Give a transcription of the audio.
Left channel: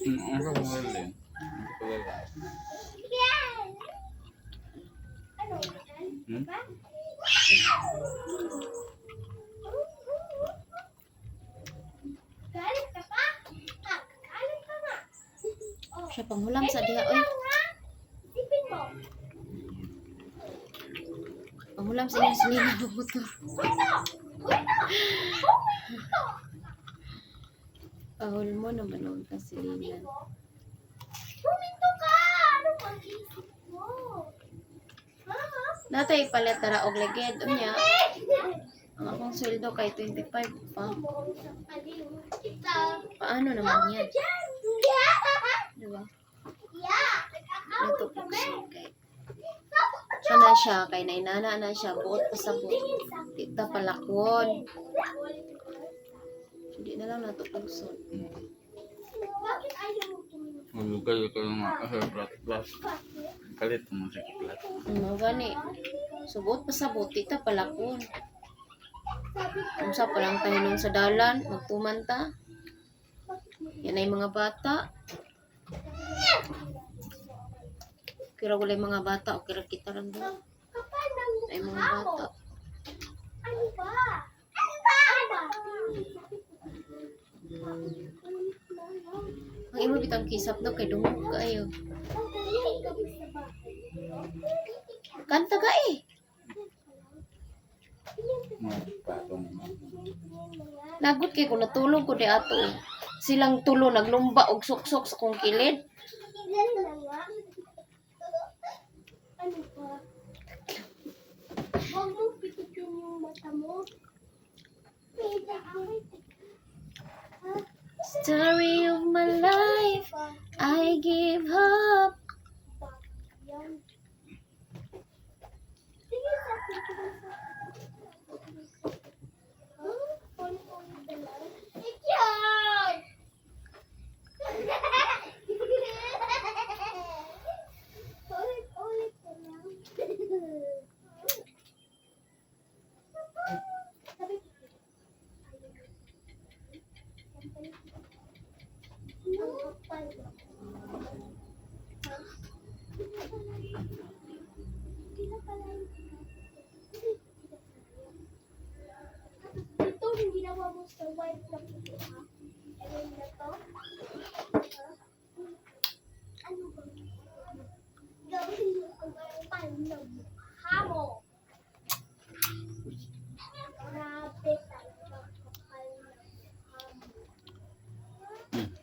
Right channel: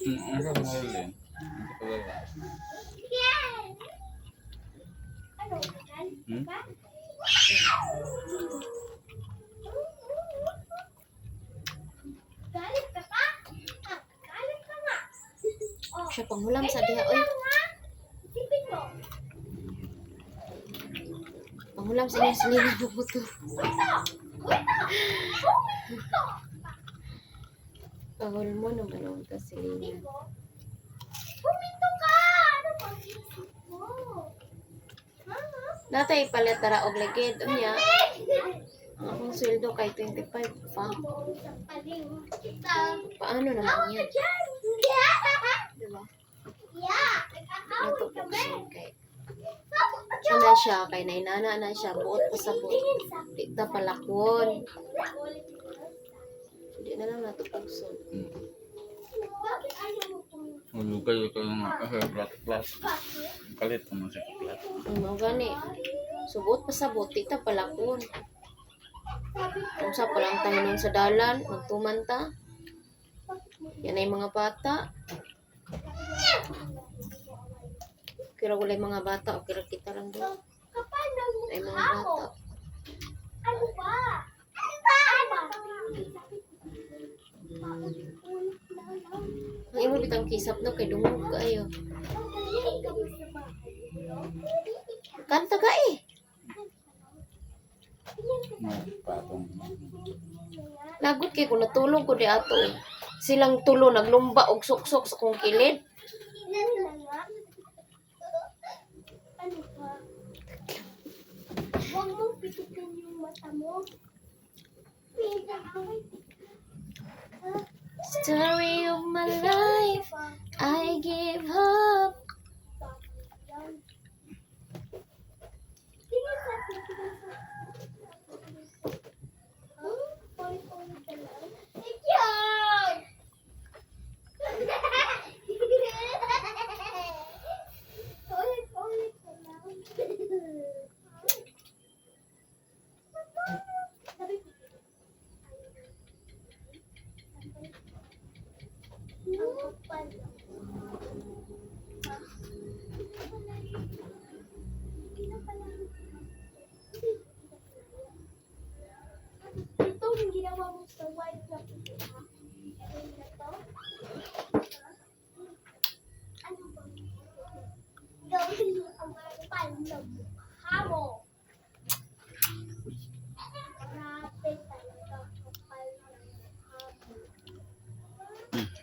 Ang sa model din. Hmm? Siya panghulam sa diha, oy. Panghulam sa niya sila na motor. Pahul mo naman ang kasilina. Natay palit tara og leged unya. Ang akong sweldo kay 25 pa. Paano naman yan? Diba? Natupokson kay. Sana siya kay nainana na siya buot pa sa buot. Tigta palakwon. Hindi na lang natupokson. Ulugay ko yung plat. Kalit mo sa plat. Ano gani? Subot pa sa buot. Tigta palakwon. Kung sa palang tayo nun sa dalan, magtuman ta. Yan ay mga bata. Kira wala yung mga bata o kira kita lang doon. Ay mga bata. Ang imo bitang kisap daw kay dungog kayo. Kanta ka eh. Patong. Nagot kay kung natulog ko di ato. Silang tulo naglumba og suksok sa kong kilid. Huwag mong pitutin yung mata mo. Story of my life, I give up. Ito yung ginawa mo sa white na puti, ha? Ano na to? Ano ba? Gawin mo ang kapal na mukha mo. Grabe talaga kapal na mukha mo.